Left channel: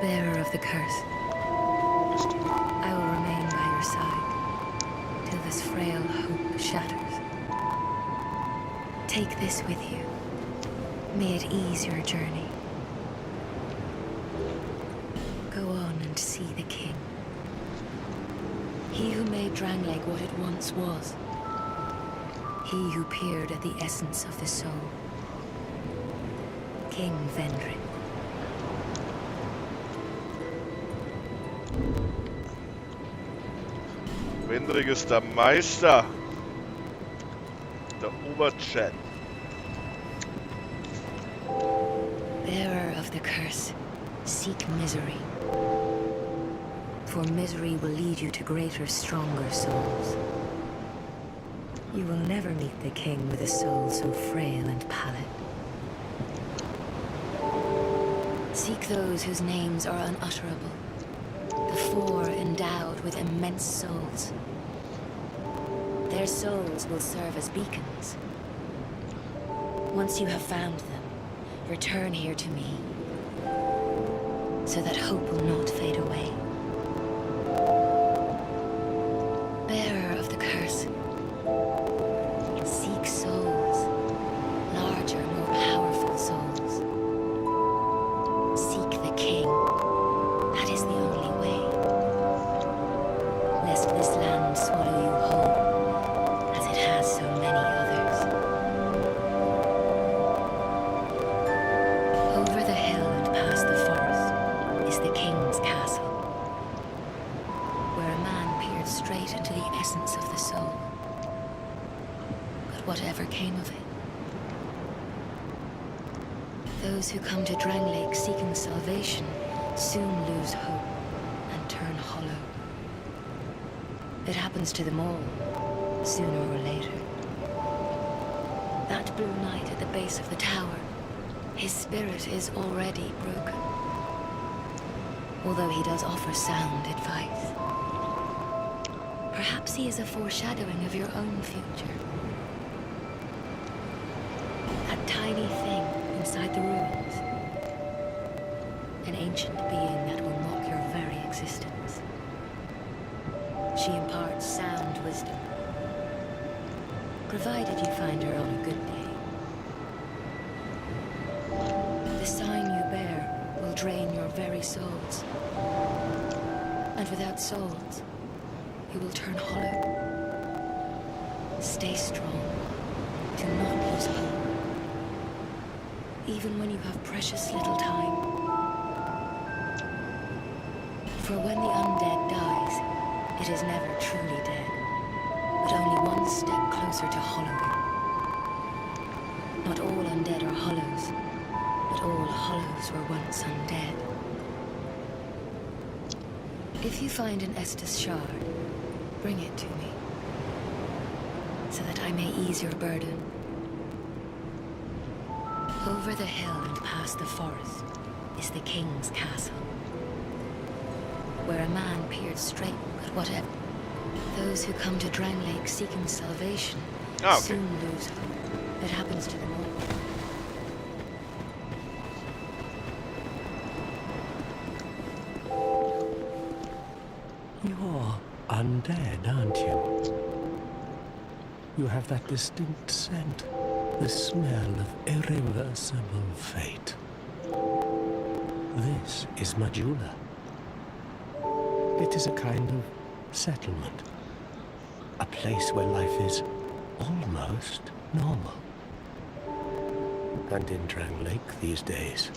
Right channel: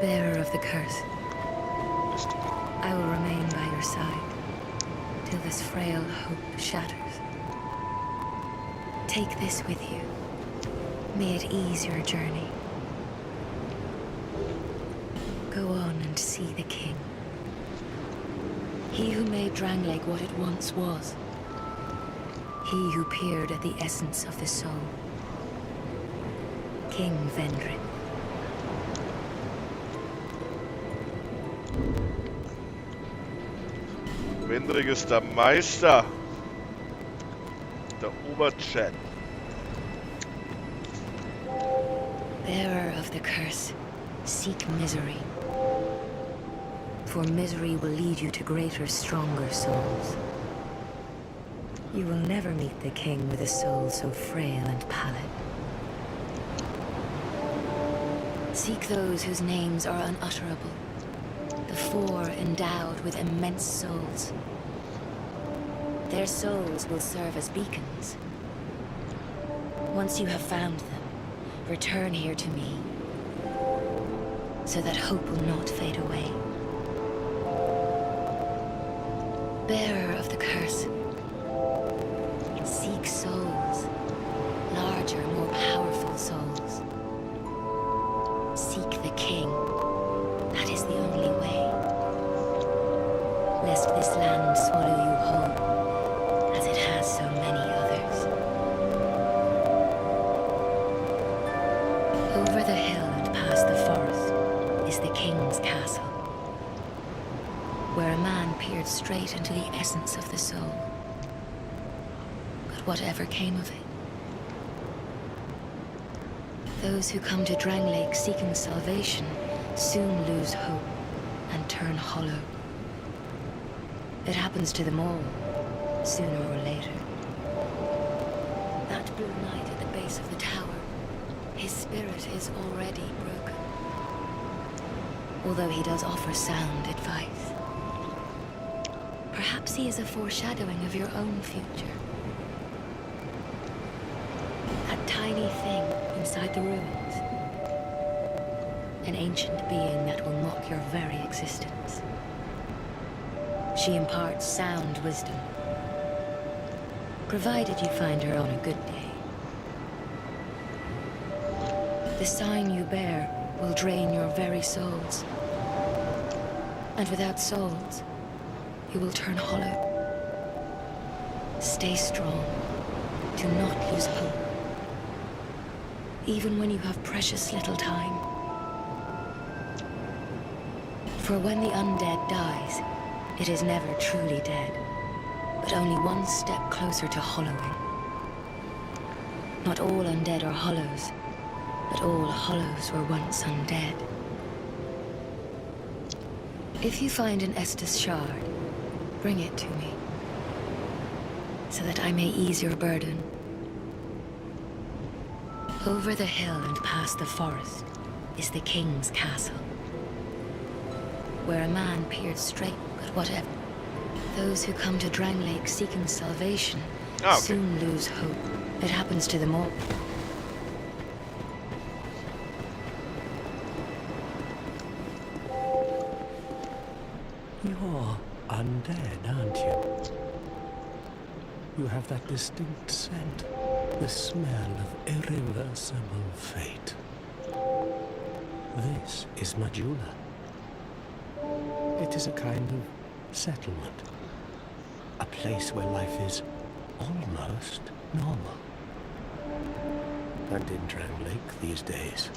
Bearer of the curse, I will remain by your side till this frail hope shatters. Take this with you. May it ease your journey. Go on and see the king. He who made Drangleic what it once was. He who peered at the essence of the soul. King Vendrick. Vendrick ist der Meister. Der Oberchat. Bearer of the curse, seek misery. For misery will lead you to greater, stronger souls. You will never meet the king with a soul so frail and pallid. Seek those whose names are unutterable. The four endowed with immense souls. Their souls will serve as beacons. Once you have found them, return here to me, so that hope will not fade away. Bearer of the curse, seek souls, larger, more powerful souls. Seek the king. That is the only way. Lest this land swallow you whole, as it has so many others. Over the hill and past the forest is the king's castle, where a man peered straight into the essence of the soul. But whatever came of it? Those who come to Drangleic seeking salvation soon lose hope and turn hollow. It happens to them all, sooner or later. That blue knight at the base of the tower, his spirit is already broken. Although he does offer sound advice. Perhaps he is a foreshadowing of your own future. That tiny thing inside the ruins. An ancient being that will mock your very existence. She imparts sound wisdom, provided you find her on a good day. The sign you bear will drain your very souls. And without souls, you will turn hollow. Stay strong. Do not lose hope. Even when you have precious little time. For when the undead dies, it is never truly dead, but only one step closer to hollowing. Not all undead are hollows, but all hollows were once undead. If you find an Estus shard, bring it to me, so that I may ease your burden. Over the hill and past the forest is the king's castle, where a man peered straight at whatever. Those who come to Drangleic seeking salvation soon lose hope. It happens to them all. You're undead, aren't you? You have that distinct scent, the smell of irreversible fate. This is Majula. It is a kind of settlement, a place where life is almost normal. And in Drangleic these days,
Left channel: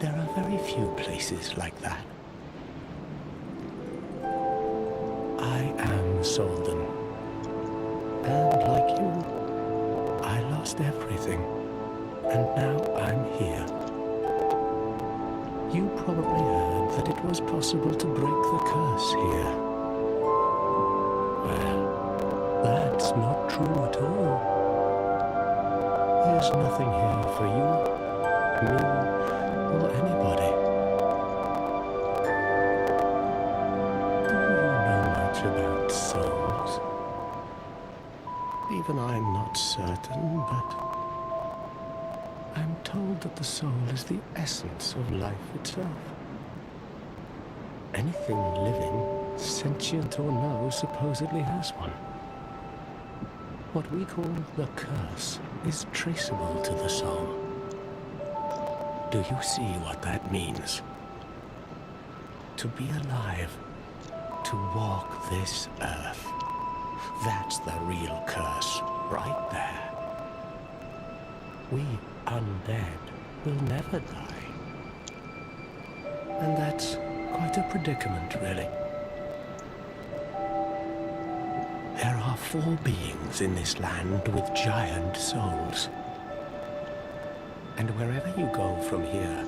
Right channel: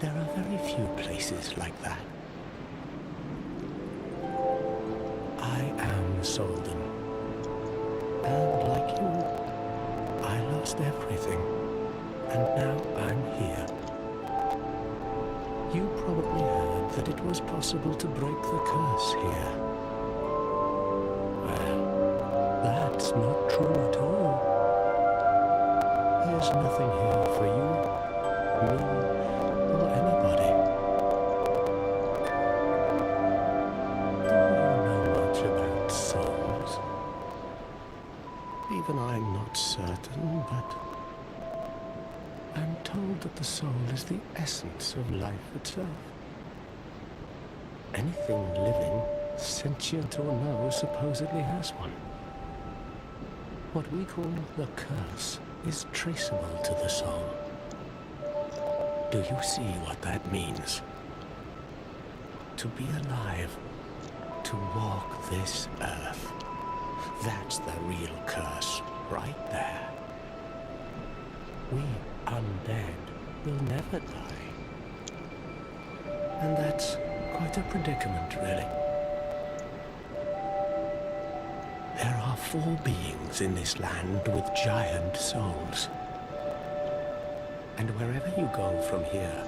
there are very few places like that. I am Solden, and like you, I lost everything, and now I'm here. You probably heard that it was possible to break the curse here. Well, that's not true at all. There's nothing here for you, me, or anybody. Do you know much about souls? Even I'm not certain, but I'm told that the soul is the essence of life itself. Anything living, sentient or no, supposedly has one. What we call the curse is traceable to the soul. Do you see what that means? To be alive, to walk this earth. That's the real curse, right there. We undead will never die. And that's quite a predicament, really. There are 4 beings in this land with giant souls. And wherever you go from here,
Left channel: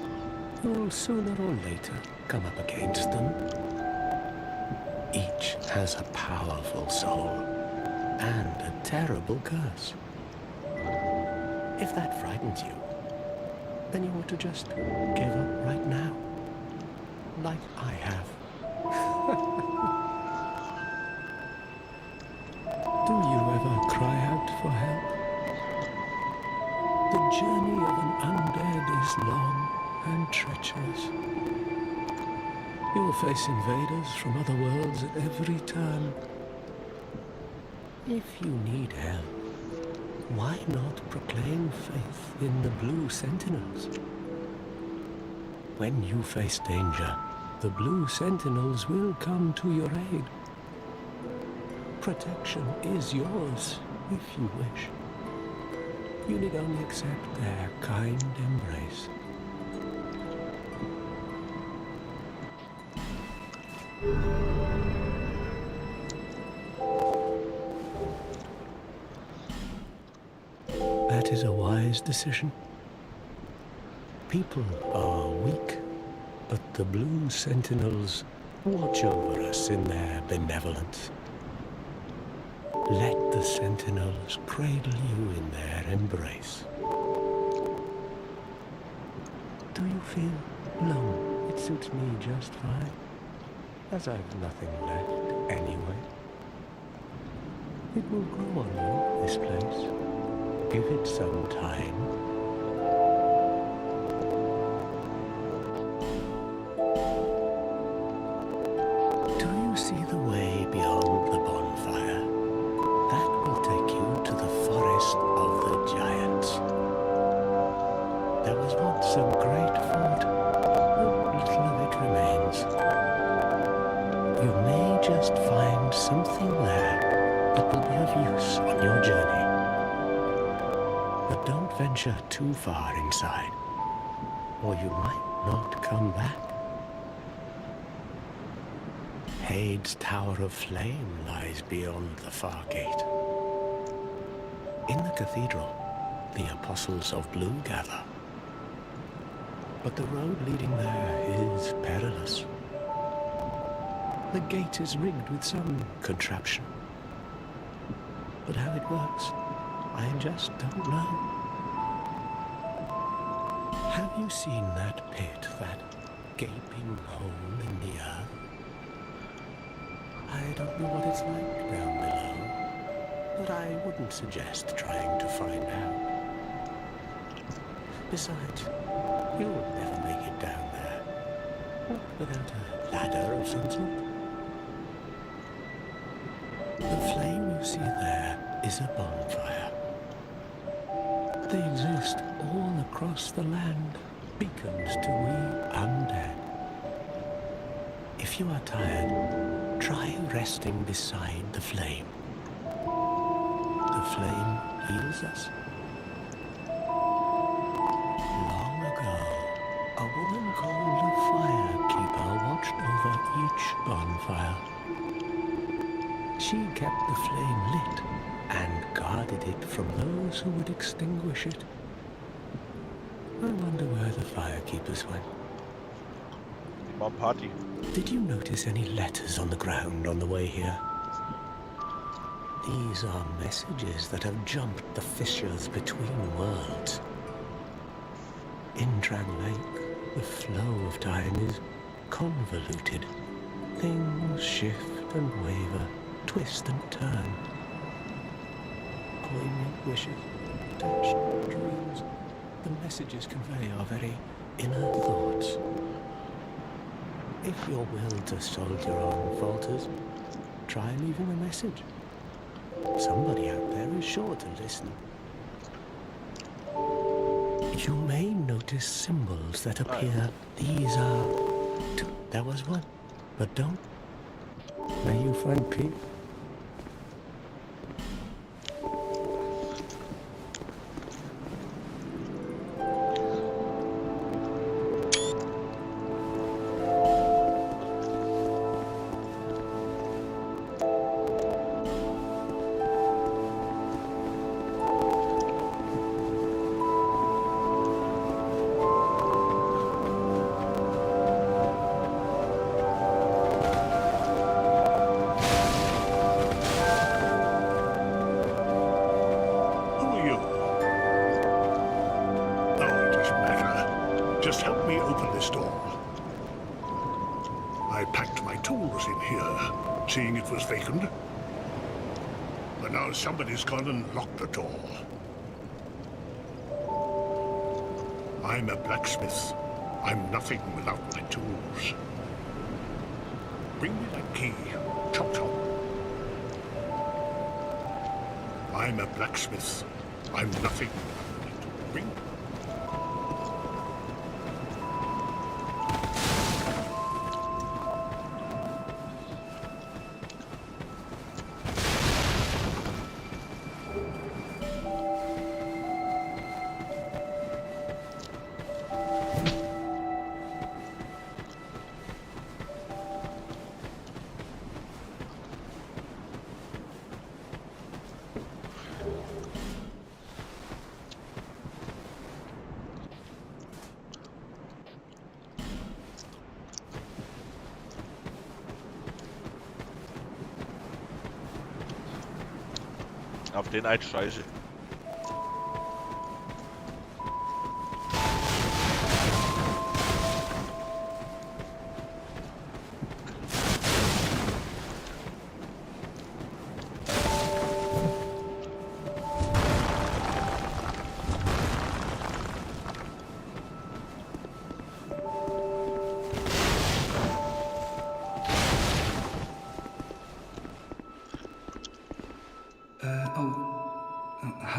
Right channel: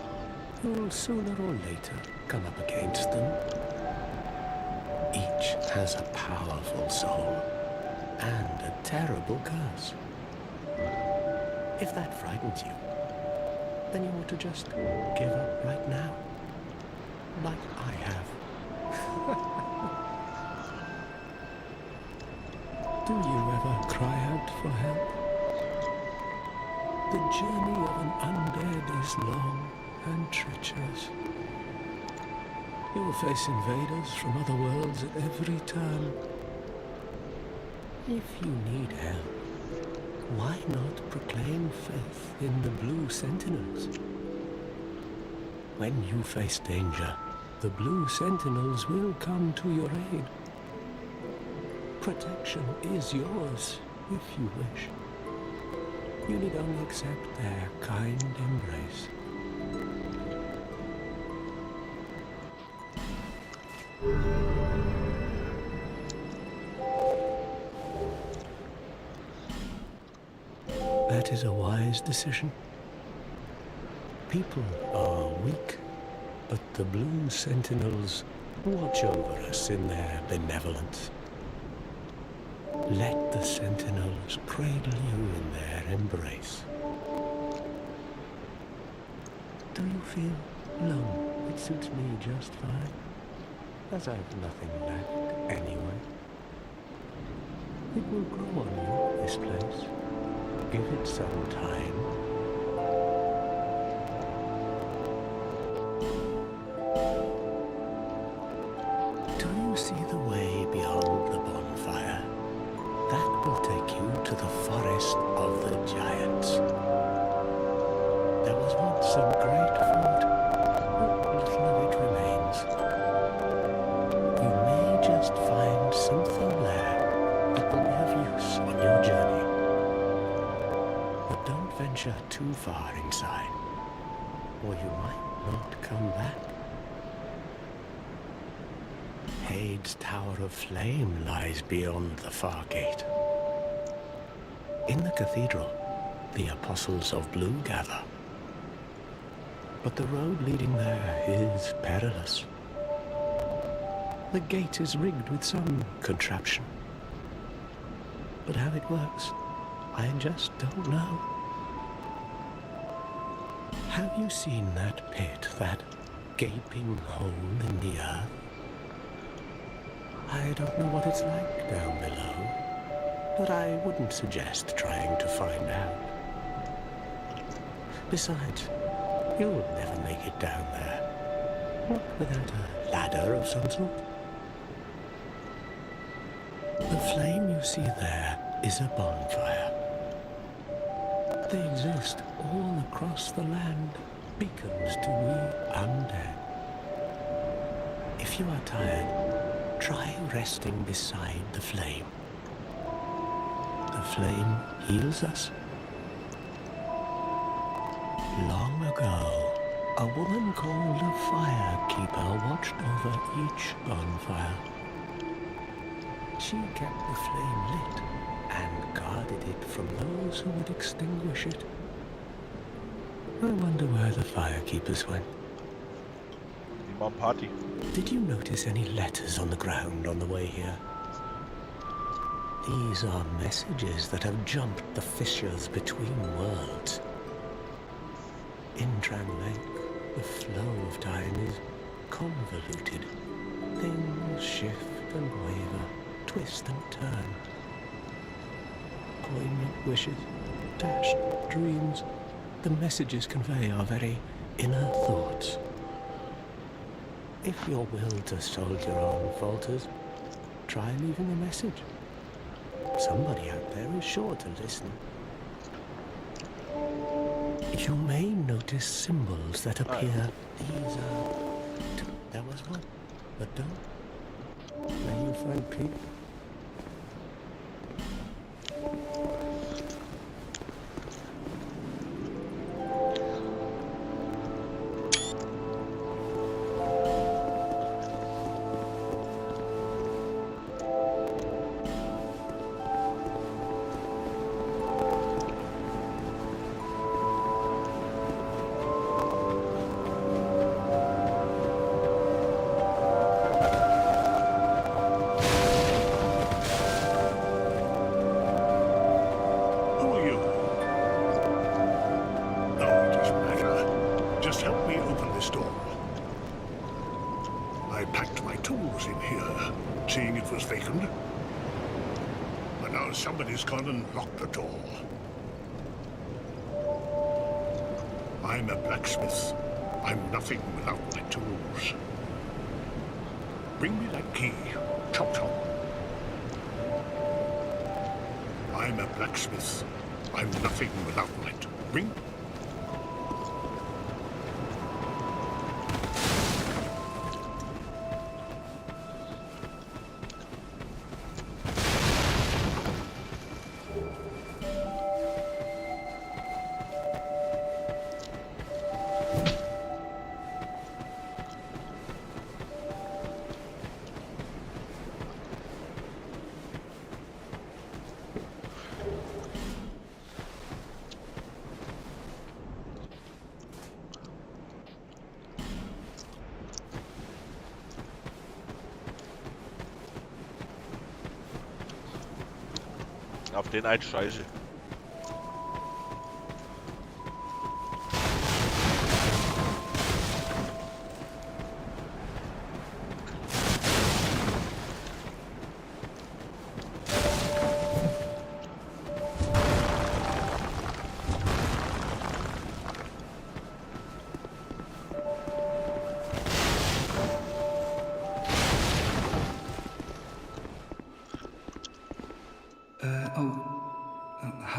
you'll sooner or later come up against them. Each has a powerful soul and a terrible curse. If that frightens you, then you ought to just give up right now, like I have. Do you ever cry out for help? The journey of an undead is long and treacherous. You will face invaders from other worlds at every turn. If you need help, why not proclaim faith in the Blue Sentinels? When you face danger, the Blue Sentinels will come to your aid. Protection is yours, if you wish. You need only accept their kind embrace. That is a wise decision. People are weak, but the Blue Sentinels watch over us in their benevolence. Let the Sentinels cradle you in their embrace. Do you feel lone? It suits me just fine, as I've nothing left anyway. It will grow on you, this place. Give it some time. Do you see the way beyond the bonfire? That will take you to the forest of the giants. There was once a great fort, but little of it remains. You may just find something there that will be of use on your journey. But don't venture too far inside, or you might not come back. Hade's Tower of Flame lies beyond the far gate. In the cathedral, the Apostles of Blue gather. But the road leading there is perilous. The gate is rigged with some contraption. But how it works, I just don't know. Have you seen that pit, that gaping hole in the earth? I don't know what it's like down below, but I wouldn't suggest trying to find out. Besides, you'll never make it down there, not without a ladder of some sort. The flame you see there is a bonfire. They exist all across the land, beacons to we undead. If you are tired, try resting beside the flame. The flame heals us. Long ago, a woman called a firekeeper watched over each bonfire. She kept the flame lit and guarded it from those who would extinguish it. I wonder where the firekeepers went. Die Mom Party. Did you notice any letters on the ground on the way here? These are messages that have jumped the fissures between worlds. In Dran Lake, the flow of time is convoluted. Things shift and waver, twist and turn. Poignant wishes, dashed dreams. The messages convey our very inner thoughts. If your will to soldier on falters, try leaving a message. Somebody out there is sure to listen. You may notice symbols that appear. These are... There was one, but don't. May you find peace. Just help me open this door. I packed my tools in here, seeing it was vacant. But now somebody's gone and locked the door. I'm a blacksmith. I'm nothing without my tools. Bring me that key. Chop chop. I'm a blacksmith. I'm nothing without my tools. Bring... Auf den einen Scheiße.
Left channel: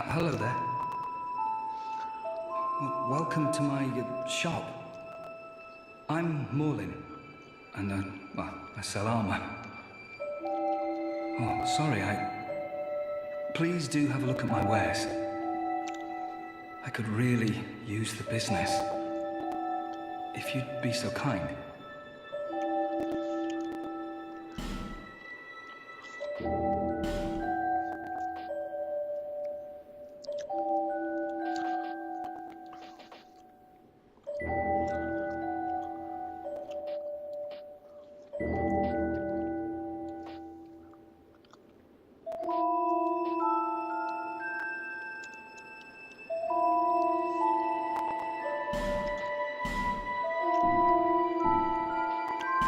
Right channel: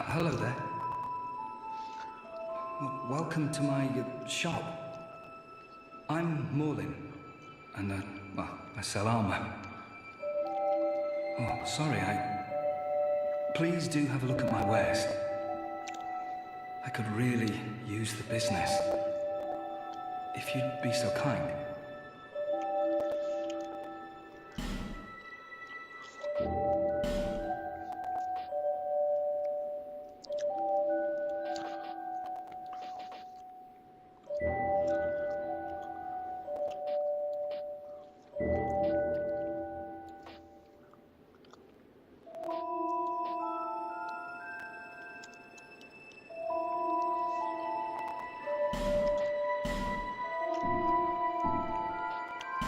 Hello there. Welcome to my shop. I'm Morlin, and well, I sell armor. Oh, sorry, Please do have a look at my wares. I could really use the business. If you'd be so kind.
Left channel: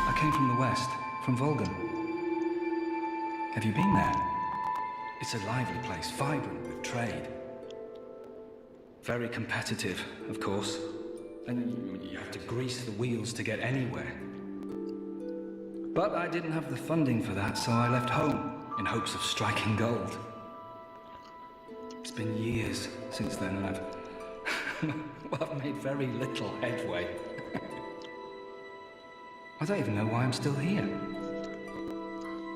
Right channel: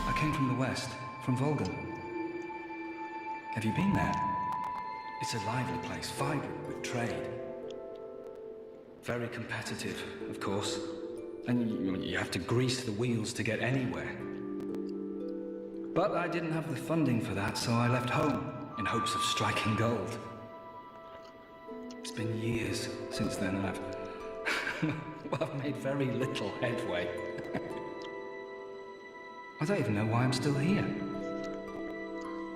I came from the west, from Volgan. Have you been there? It's a lively place, vibrant with trade. Very competitive, of course. And you have to grease the wheels to get anywhere. But I didn't have the funding for that, so I left home in hopes of striking gold. It's been years since then, and I've made very little headway. I don't even know why I'm still here.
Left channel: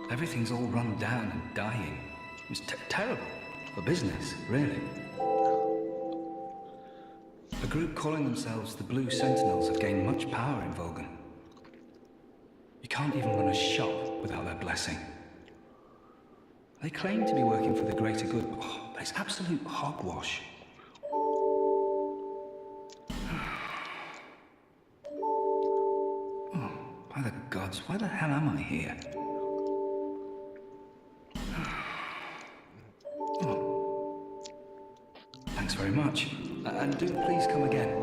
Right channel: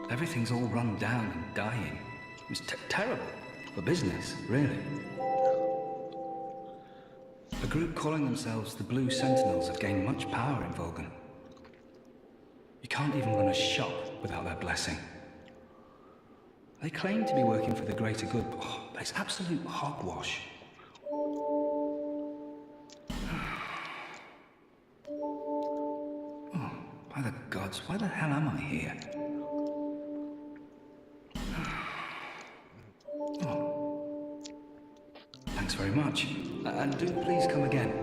Everything's all run down and dying. It's terrible for business, really. A group calling themselves the Blue Sentinels have gained much power in Volgan. You can't even run a shop without their blessing. They claim to be working for the greater good, but it's absolute hogwash. By the gods, why the hell am I here? Oh. Thanks very much. And do please come again.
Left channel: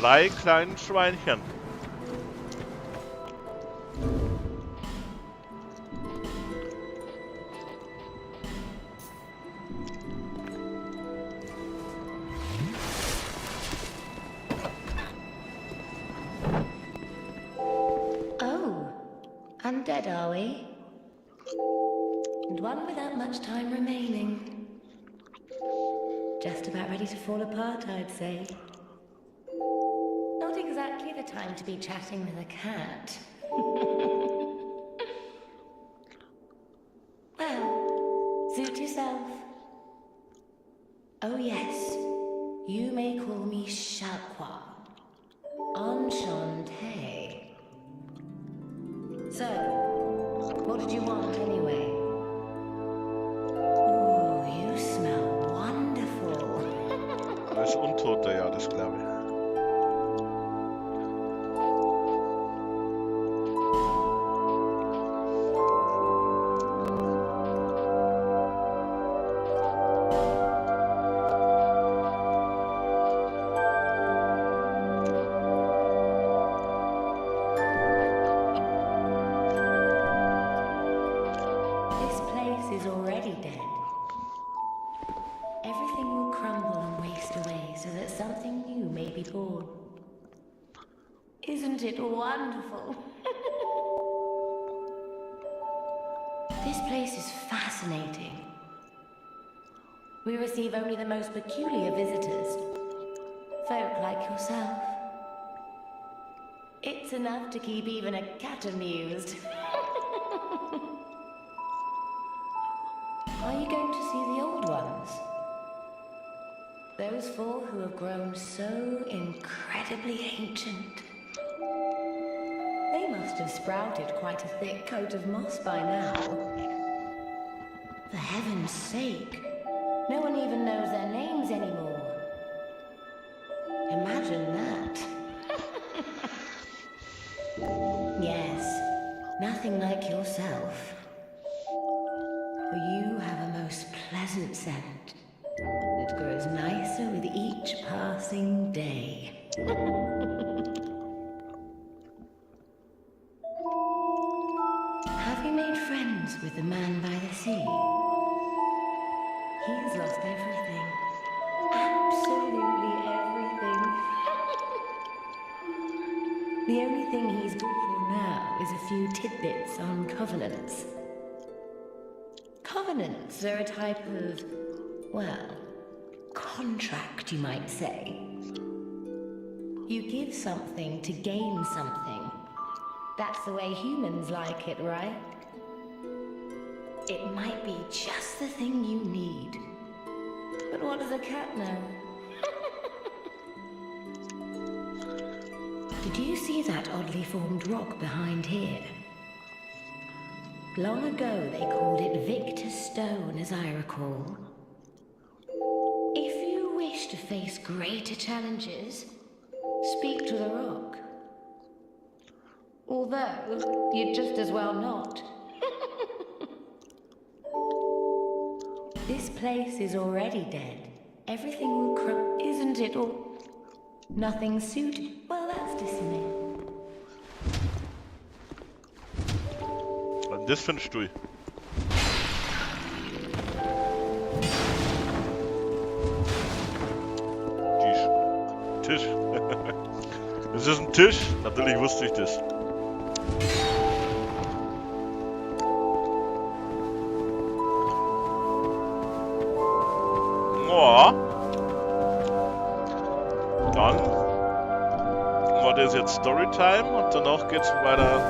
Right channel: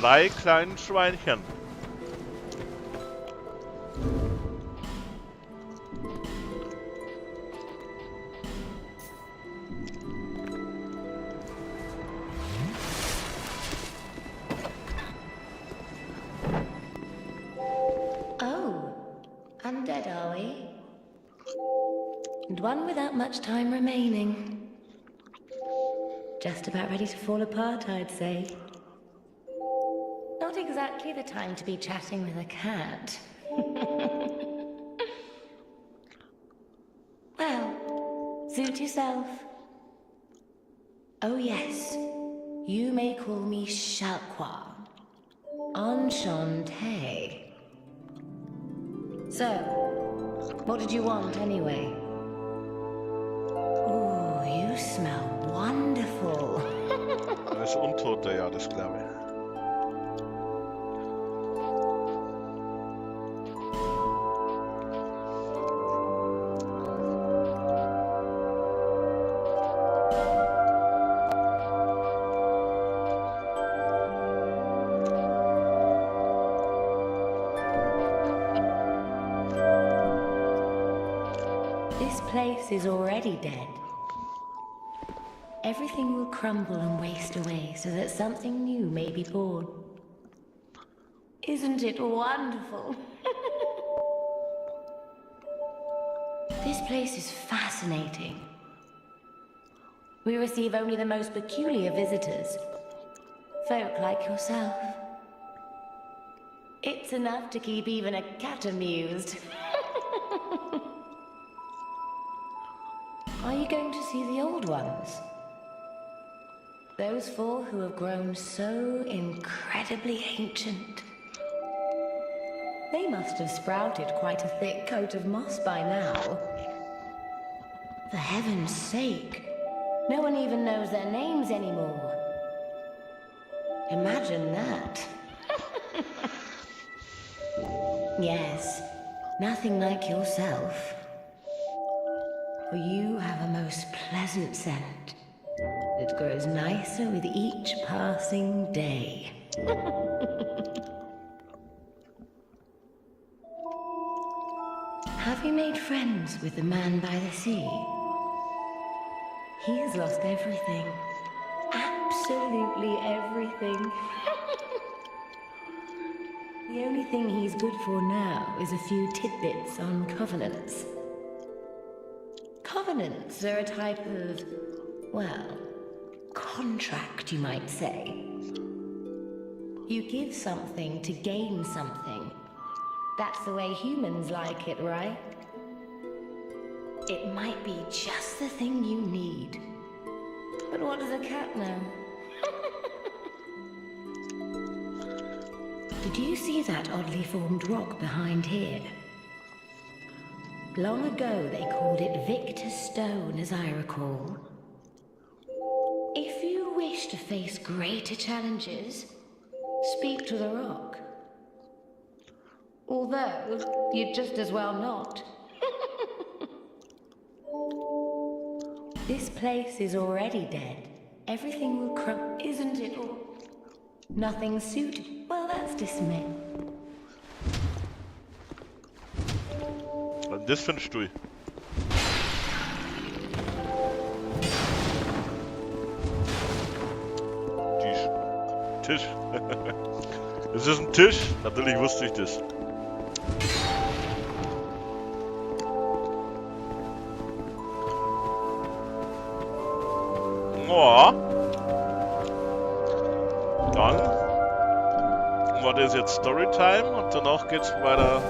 3 kleinen Schweinchen. Oh, undead are we? And one without much time remaining. Just about ready to fall apart, I'd say. Not exactly the time to be chatting with a cat. Well, suit yourself. Oh yes, you may call me Shalqua. Enchanté. So, what did you want anyway? Ooh, you smell wonderful. Er ist Untoter, ja, das glaube ich. This place is already dead. Everything will crumble and waste away so that something new may be born. Isn't it wonderful? This place is fascinating. We receive only the most peculiar visitors. Folk like yourself. It's enough to keep even a cat amused. Are you going to see the old ones? Those 4 who have grown so incredibly ancient. They must have sprouted quite a thick coat of moss by now. For heaven's sake, no one even knows their names anymore. Imagine that. Yes, nothing like yourself. For you have a most pleasant scent. It grows nicer with each passing day. Have you made friends with the man by the sea? He has lost everything. Absolutely everything. The only thing he's good for now is a few tidbits on covenants. Covenants are a type of, well, contract, you might say. You give something to gain something. That's the way humans like it, right? It might be just the thing you need. But what does a cat know? Did you see that oddly formed rock behind here? Long ago, they called it Victor's Stone, as I recall. If you wish to face greater challenges, speak to the rock. Although, you'd just as well not. This place is already dead. Everything will crumble, isn't it all? Nothing suited. Well, that's dismissed. Was ist das für ein Stuhl? Tisch. Das ist ein Tisch? Natürlich wusste ich das. Ja. Dann war das jetzt Storytime und danach geht's weiter